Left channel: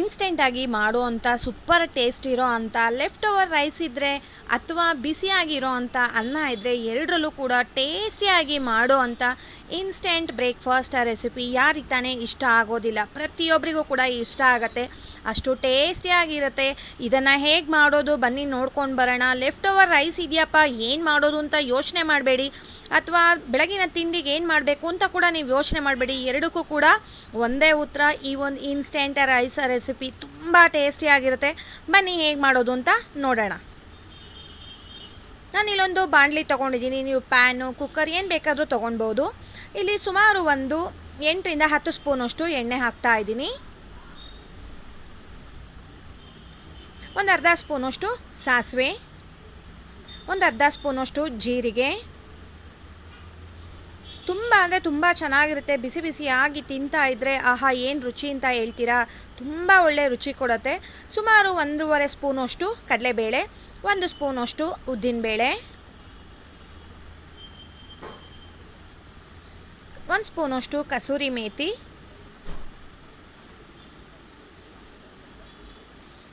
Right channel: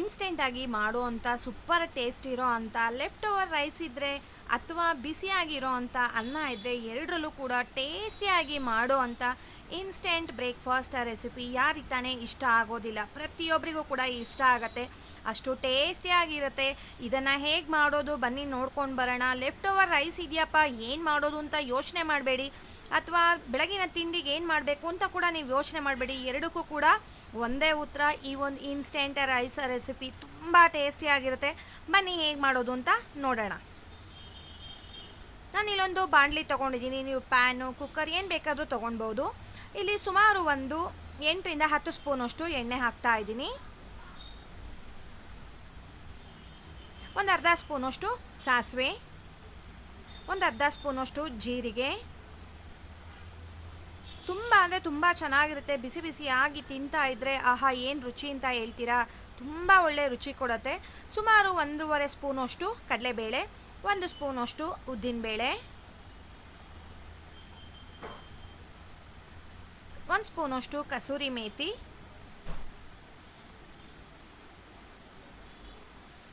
ಇನ್ಸ್ಟೆಂಟಾಗಿ ಮಾಡುವಂಥ super taste ಇರೋ ಅಂಥ ಲೆಫ್ಟ್ ಓವರ್ ರೈಸ್ ಇದ್ದರೆ ಅಥವಾ ಬಿಸಿಯಾಗಿರೋ ಅಂಥ ಅನ್ನ ಇದ್ದರೆ ಎರಡರಲ್ಲೂ ಕೂಡ ಟೇಸ್ಟಿಯಾಗಿ ಮಾಡೋ ಅಂಥ ಇನ್ಸ್ಟೆಂಟ್ ಬ್ರೇಕ್ಫಾಸ್ಟ್ ರೆಸಿಪಿ ಯಾರಿಗೆ ತಾನೇ ಇಷ್ಟ ಆಗೋದಿಲ್ಲ. ಪ್ರತಿಯೊಬ್ಬರಿಗೂ ಕೂಡ ಇಷ್ಟ ಆಗುತ್ತೆ. ಅಷ್ಟು ಟೇಸ್ಟಿಯಾಗಿರುತ್ತೆ ಇದನ್ನು ಹೇಗೆ ಮಾಡೋದು? ಬನ್ನಿ ನೋಡ್ಕೊಂಡು ಬರೋಣ. ಲೆಫ್ಟ್ ಓವರ್ ರೈಸ್ ಇದೆಯಪ್ಪ, ಏನು ಮಾಡೋದು ಅಂತ ಯೋಚನೆ ಮಾಡಬೇಡಿ. ಅಥವಾ ಬೆಳಗಿನ ತಿಂಡಿಗೆ ಏನು ಮಾಡಬೇಕು ಅಂತ ಕೂಡ ನೀವು ಯೋಚನೆ ಮಾಡಬೇಡಿ. ಎರಡಕ್ಕೂ ಕೂಡ ಒಂದೇ ಉತ್ತರ. ಈ ಒಂದು ಇನ್ಸ್ಟೆಂಟ್ ರೈಸ್ ರೆಸಿಪಿ ತುಂಬ ಟೇಸ್ಟಿಯಾಗಿರುತ್ತೆ ಬನ್ನಿ ಹೇಗೆ ಮಾಡೋದು ಅಂತ ನೋಡೋಣ. ನಾನು ಇಲ್ಲೊಂದು ಬಾಣಲಿ ತೊಗೊಂಡಿದ್ದೀನಿ. ನೀವು ಪ್ಯಾನು ಕುಕ್ಕರ್ ಏನು ಬೇಕಾದರೂ ತೊಗೊಳ್ಬೋದು ಇಲ್ಲಿ ಸುಮಾರು ಒಂದು ಎಂಟರಿಂದ ಹತ್ತು ಸ್ಪೂನಷ್ಟು ಎಣ್ಣೆ ಹಾಕ್ತಾ ಇದ್ದೀನಿ. ಒಂದು ಅರ್ಧ ಸ್ಪೂನಷ್ಟು ಸಾಸಿವೆ, ಒಂದು ಅರ್ಧ ಸ್ಪೂನಷ್ಟು ಜೀರಿಗೆ. ತುಂಬ ಅಂದರೆ ತುಂಬ ಚೆನ್ನಾಗಿರುತ್ತೆ. ಬಿಸಿ ಬಿಸಿಯಾಗಿ ತಿಂತಾ ಇದ್ದರೆ ಆಹಾ, ಏನು ರುಚಿ ಅಂತ ಹೇಳ್ತೀರಾ? ತುಂಬ ಒಳ್ಳೆ ರುಚಿ ಕೊಡುತ್ತೆ. ಸುಮಾರು ಒಂದೂವರೆ ಸ್ಪೂನಷ್ಟು ಕಡಲೆಬೇಳೆ, ಒಂದು ಸ್ಪೂನಷ್ಟು ಉದ್ದಿನಬೇಳೆ, ಒಂದು ಸ್ಪೂನಷ್ಟು ಕಸೂರಿ ಮೇಥಿ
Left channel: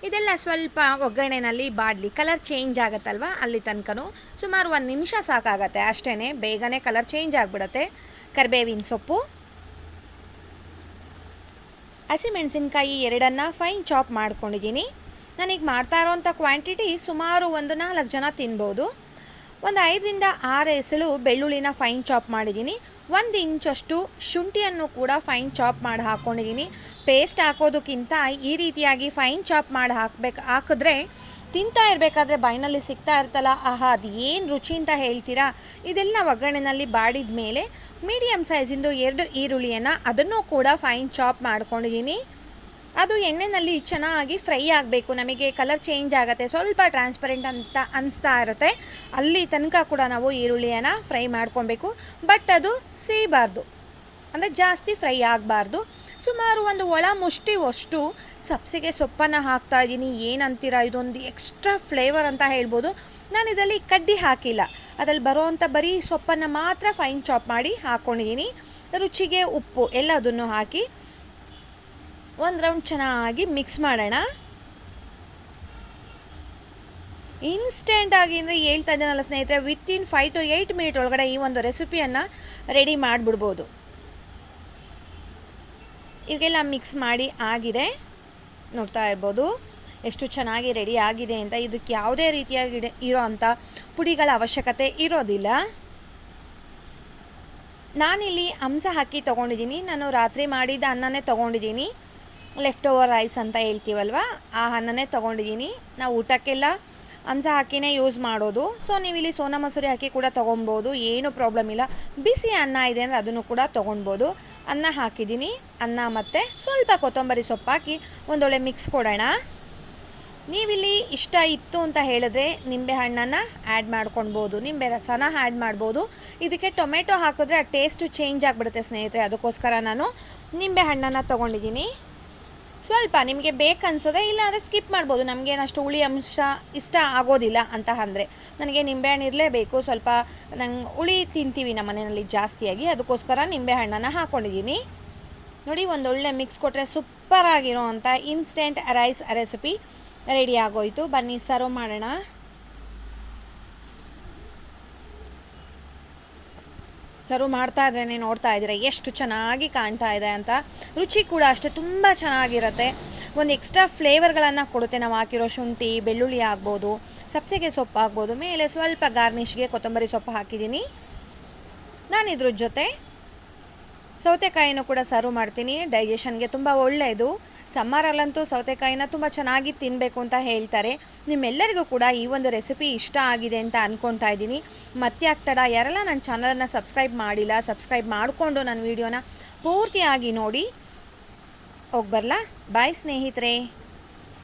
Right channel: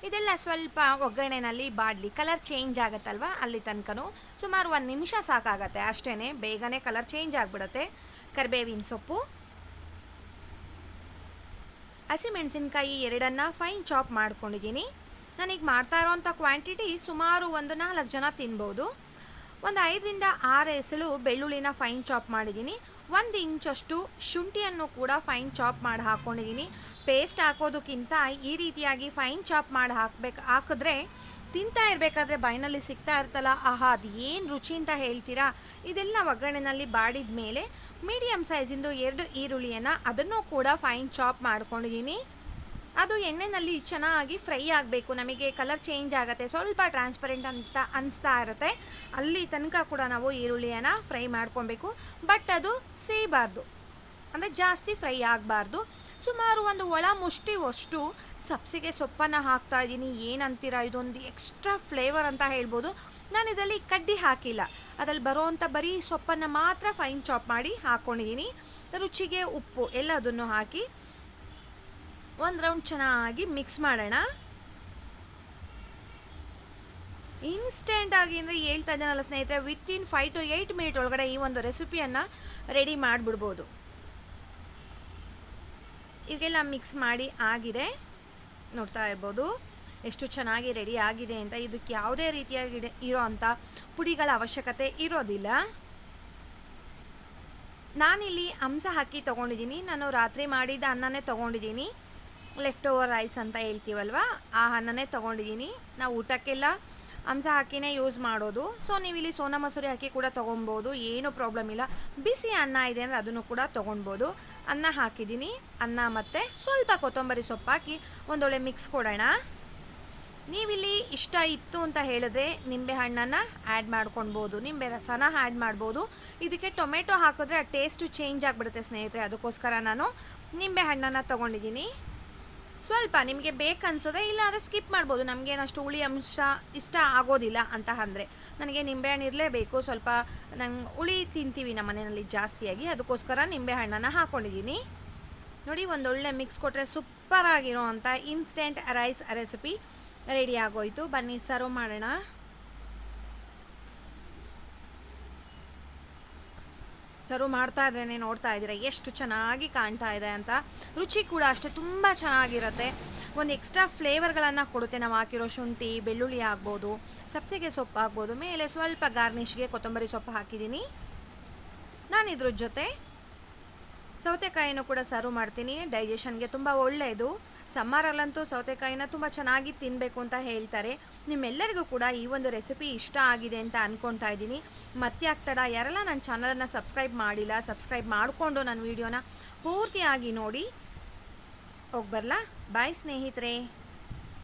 ಇದೆಲ್ಲ ಸ್ವಲ್ಪ ಒಗ್ಗರಣೆನಲ್ಲಿ ಬಾಡಲಿ ಕಲರ್ ಚೇಂಜ್ ಆಗುತ್ತಲ್ವ? ಅಲ್ಲಿ ತನಕನೂ ಸುಮಾರು ಒಂದು ನಿಮಿಷ ಸಾಕಾಗತ್ತೆ. ಅಷ್ಟೇ ಬೇಗನೆ ಕಲರ್ ಚೇಂಜ್ ಆಗಿಬಿಡುತ್ತೆ. ಕರಿಬೇವಿನ ಸೊಪ್ಪು, ಹಸಿಮೆಣಸಿನ್ಕಾಯಿ ಎರಡನ್ನು ಫೈನ್ ಚಾಪ್ ಮಾಡ್ಕೊಂಡಿದ್ದೀನಿ. ನನಗೆ ಮಾಡ್ತಾ ಇರೋವಂಥ ಕ್ವಾಂಟಿಟಿ ಸುಮಾರು ಒಂದು ನಾಲ್ಕು ಜನ ತಿನ್ಬೋದು. ಒಂದು ಐದರಿಂದ ಆರು ಎಸಳು ಬೆಳ್ಳುಳ್ಳಿನ ಫೈನ್ ಚಾಪ್ ಮಾಡಿದ್ದೀನಿ. ಒಂದು ಇಂಚಷ್ಟು ಶುಂಠಿಯನ್ನು ಕೂಡ ಫೈನ್ ಚಾಪ್ ಮಾಡಿ ಹಾಕ್ಕೊಂಡಿದ್ದೀನಿ ಪೇಸ್ಟ್ ಹಾಕೋದಕ್ಕಿಂತ ಈ ರೀತಿಯಾಗಿ ಫೈನ್ ಚಾಪ್ ಮಾಡಿ ಹಾಕ್ಬೇಕು, ಹಾಕಿದ್ರೆ ತಿಂತಾ ಇರಬೇಕಾದ್ರೆ ಬಾಯಿನಲ್ಲಿ ಸಿಗ್ತಾ ಇರ್ತಲ್ಲ ಆಹಾ ಅದು ಏನು ರುಚಿ ಅಂತ ಹೇಳ್ತೀರಾ? ಇದೆಲ್ಲ ಒಗ್ಗರಣೆಯಲ್ಲಿ ಬಾಡಿದ ಮೇಲೆ ಮೀಡಿಯಮ್ ಸೈಜಿಂದು ಎರಡು ಈರುಳ್ಳಿಯನ್ನು ಅದನ್ನು ಕೂಡ ಫೈನ್ ಚಾಪ್ ಮಾಡ್ಕೊಂಡಿದ್ದೀನಿ. ಅದು ಎಣ್ಣೆಯಲ್ಲಿ ಚೆನ್ನಾಗಿ ಫ್ರೈ ಆಗಬೇಕು. ನಮಗೆ ಕಲರ್ ಚೇಂಜ್ ಆಗುತ್ತೆ. ಸ್ವಲ್ಪ ಟ್ರಾನ್ಸ್ಪರೆಂಟ್ ಅಂತ ಅನಿಸ್ತಾ ಇರುತ್ತೆ. ಅಲ್ಲಿ ತನಕ ಕೂಡ ನಾವು ಈರುಳ್ಳಿಯನ್ನು ಫ್ರೈ ಮಾಡ್ಕೊಬೇಕು. ಬಟ್ ಅದು ಸೀಬಾರ್ದು. ಅಂದರೆ ಜಾಸ್ತಿ ಫ್ರೈ ಆಗಬಾರ್ದು. ಸುಮಾರು ಒಂದು ಒಳ ಮುಷ್ಟಿವಷ್ಟು ಸಬ್ಸಿಗೆ ಸೊಪ್ಪನ್ನು ಹಾಕ್ತಾ ಇದ್ದೀನಿ. ಏನಂತೀರ? ಇದೊಂದು ಎಕ್ಸ್ಟ್ರಾ ಫ್ಲೇವರ್ ಅಂತ ಹೇಳ್ಬೋದು. ನಾನು ಇದರಲ್ಲಿ ಕಡ್ಡಿ ಹಾಕಿಲ್ಲ. ಅದರಲ್ಲಿ ಬರೋವಂಥ ಬರೀ ಸೊಪ್ಪನ್ನು ಮಾತ್ರ ಫೈನ್ ಚಾಪ್ ಮಾಡಿ ಹಾಕ್ಕೊಂಡಿದ್ದೀನಿ ರುಚಿಗೆ ಉಪ್ಪು ಎಲ್ಲದನ್ನು ಹಾಕಿ ಒಂದು ರೌಂಡ್ ಚೆನ್ನಾಗಿ ಮಿಕ್ಸ್ ಮಾಡೋಣ. ಇನ್ಸ್ಟೆಂಟಾಗಿ ಅಂದರೆ ಹೇಳ್ತಾ ಇದ್ದೇನಲ್ಲ ಸ್ನೇಹಿತರೆ within five to eight minute ಒಳಗಡೆ ಈ ಒಂದು ರೆಸಿಪಿಯನ್ನು ರೆಡಿ ಮಾಡಿಬಿಡ್ಬೋದು. ಇವಾಗೆಲ್ಲ ಮಿಕ್ಸ್ ಮಾಡಿ ಆಗಿದೆ. ನೋಡ್ತಾ ಇರ್ಬೋದು ಎಷ್ಟು ಚೆನ್ನಾಗಿ ರೆಡಿ ಆಗಿದೆ ಅಂತ. ಇದಕ್ಕೆ ಯಾವುದೇ ರೀತಿಯಾಗಿ ಇರೋ ಅಂಥ ಪುಡಿಗಳ ಅವಶ್ಯಕತೆ ಇರೋದಿಲ್ಲ. ನಾನಿಲ್ಲಿ ಅಂಸ ಹಾಕಿ ತೊಗೊಂಡಿದ್ದೀನಿ. ನಾನು ರಾತ್ರಿ ಮಾಡಿದ ಅನ್ನನೇ ತೊಗೊಂಡಿದ್ದೀನಿ. ಲೆಫ್ಟ್ ಓವರ್ ರೈಸ್ ಅಂತ ಹೇಳ್ತೀವಲ್ವ? ಆ ಅನ್ನನೇ ತೊಗೊಂಡಿದ್ದೀನಿ ನಾವು ಊಟಕ್ಕೆಲ್ಲ ಅಂಸ ಹಾಕಿನೇ ಯೂಸ್ ಮಾಡೋದು. ಸೊ ನೀವು ಇಲ್ಲಿ ಸೋನಾ ಮಸೂರಿ ಹಾಕಿ ಕೂಡ ತೊಗೊಬೋದು. ಏನೂ ಪ್ರಾಬ್ಲಮ್ ಇಲ್ಲ. ಬಿಸಿ ಅನ್ನ ಇದೆ ಅಂದರೆ ಅದನ್ನು ಕೂಡ ತೊಗೊಳ್ಬೋದು ಅನ್ನ ಹಾಕಿದ್ದೀನಿ ಅನ್ನ ಮತ್ತು ಸ್ವಲ್ಪ ಕೊತ್ತಂಬರಿ ಸೊಪ್ಪು ಹಾಕಿ ಒಂದೊಳ್ಳೆ ಮಿಕ್ಸ್ ಕೊಡೋಣ. ನೀವಿಲ್ಲಿ ಇಷ್ಟ ಇತ್ತು ಅಂತ ಹೇಳಿದ್ರೆ ನಿಂಬೆ ಹಣ್ಣನ್ನು ಆ್ಯಡ್ ಮಾಡ್ಕೊಳ್ಬೋದು. ನಿಂಬೆ ರಸನ ಆ್ಯಡ್ ಮಾಡ್ಬೋದು. ಇದಕ್ಕೆ ಟೊಮೆಟೊ ಹಾಕಿದ್ರೆ ಆ ಟೇಸ್ಟು ಚೇಂಜ್ ಆಗಿಬಿಡುತ್ತೆ ಸ್ನೇಹಿತರೆ. ಅದಕ್ಕೋಸ್ಕರ ನಾನು ನಿಂಬೆ ಹಣ್ಣನ್ನು ತೊಗೊಂಡಿದ್ದೀನಿ ಸ್ವಲ್ಪ ನಿಮಗೆ ಬೇಕನ್ಸದೆ ಇಲ್ಲ ಅಂದರೆ ಸ್ಕಿಪ್ ಮಾಡ್ಬೋದು. ನಮಗೇನಷ್ಟು ಹುಳಿ ಅಂಶ ಇಷ್ಟ ಆಗೋದಿಲ್ಲ ಅಂತ ಅಂದರೆ. ನನಗೆ ನಿಂಬೆಹಣ್ಣು ಇರಲೇಬೇಕು. ಸ್ವಲ್ಪ ನಂಗೆ ಹುಳಿ ತಿಂತೀವಿ ನಮ್ಮ ಮನೆಯಲ್ಲಿ ಜಾಸ್ತಿಯಾಗಿ. ಅದಕ್ಕೋಸ್ಕರ ನಿಂಬೆಹಣ್ಣನ್ನು ಹಾಕ್ಕೊಂಡಿದ್ದೀನಿ ನೋಡಿ ಒಂದೊಳ್ಳೆ ಮಿಕ್ಸ್ ಕೊಟ್ಟರೆ ಸೂಪರಾಗಿರೋ ಅಂಥ ಇನ್ಸ್ಟೆಂಟ್ ರೈಸ್ ರೆಸಿಪಿ ರೆಡಿ ಆಗೋಯಿತು. ಬನ್ನಿ ಸರ್ವ್ ಮಾಡೋಣ. ಸರ್ವ್ ಮಾಡ್ತಾ ಇದ್ರೇ ನೋಡ್ತಾ ಇದ್ದೀರಾ, ಎಷ್ಟು ಚೆನ್ನಾಗಿ ಕಾಣ್ತಾ ಇದೆ ಅಂತ. ರುಚಿ ಕೂಡ ಅಷ್ಟೇ, ತುಂಬ ಚೆನ್ನಾಗಿರುತ್ತೆ. ಒಂದು ಎಕ್ಸ್ಟ್ರಾ ಫ್ಲೇವರ್ಗಳನ್ನು ಕೊಡುತ್ತೆ, ನಾವು ಹಾಕಿರೋ ಶುಂಠಿ, ಬೆಳ್ಳುಳ್ಳಿ ಆಗ್ಬೋದು, ಸಬ್ಸಿಗೆ ಸೊಪ್ಪು ಆಗ್ಬೋದು, ಮೇಲೆ ಸ್ವಲ್ಪ ಗಾರ್ನಿಷ್ಗೆ ಕೊತ್ತಂಬರಿ ಸೊಪ್ಪು ಹಾಕಿದ್ದೀನಿ. ನಾನು ಇದ್ರ ಜೊತೆ ಸೌತೆಕಾಯಿನೂ ಕೂಡ ಸರ್ವ್ ಮಾಡ್ತೀನಿ. ಡೈಜೆಷನ್ಗೆ ತುಂಬ ಒಳ್ಳೆಯದು. ಸಮ್ಮರಲ್ಲಂತೂ ಸೌತೆಕಾಯಿನ ತುಂಬ ಚೆನ್ನಾಗಿ ತಿನ್ನಬೇಕು ಅಂತ ಹೇಳ್ತಾರೆ. ನಿಮ್ಮೆಲ್ಲರಿಗೂ ಕೂಡ ಈ ಒಂದು ರೆಸಿಪಿ ಇಷ್ಟ ಆಗಿದೆ ಅಂತ ಅಂದ್ಕೊತಾ ಇದ್ದೀನಿ. ಮತ್ತೆ ಆಗ್ತಡ ಯಾರೆಲ್ಲ ನನ್ನ ಚಾನಲನ್ನು ಸಬ್ಸ್ಕ್ರೈಬ್ ಮಾಡಿಲ್ಲ ಸಬ್ಸ್ಕ್ರೈಬ್ ಮಾಡಿಕೊಂಡು ನನ್ನ ವೀಡಿಯೋನ ಪೂರ್ತಿಯಾಗಿ ನೋಡಿ. ಹೋಗಿ ಬರಲಾ ಬಾಯ್ ಸ್ನೇಹಿತರೆ.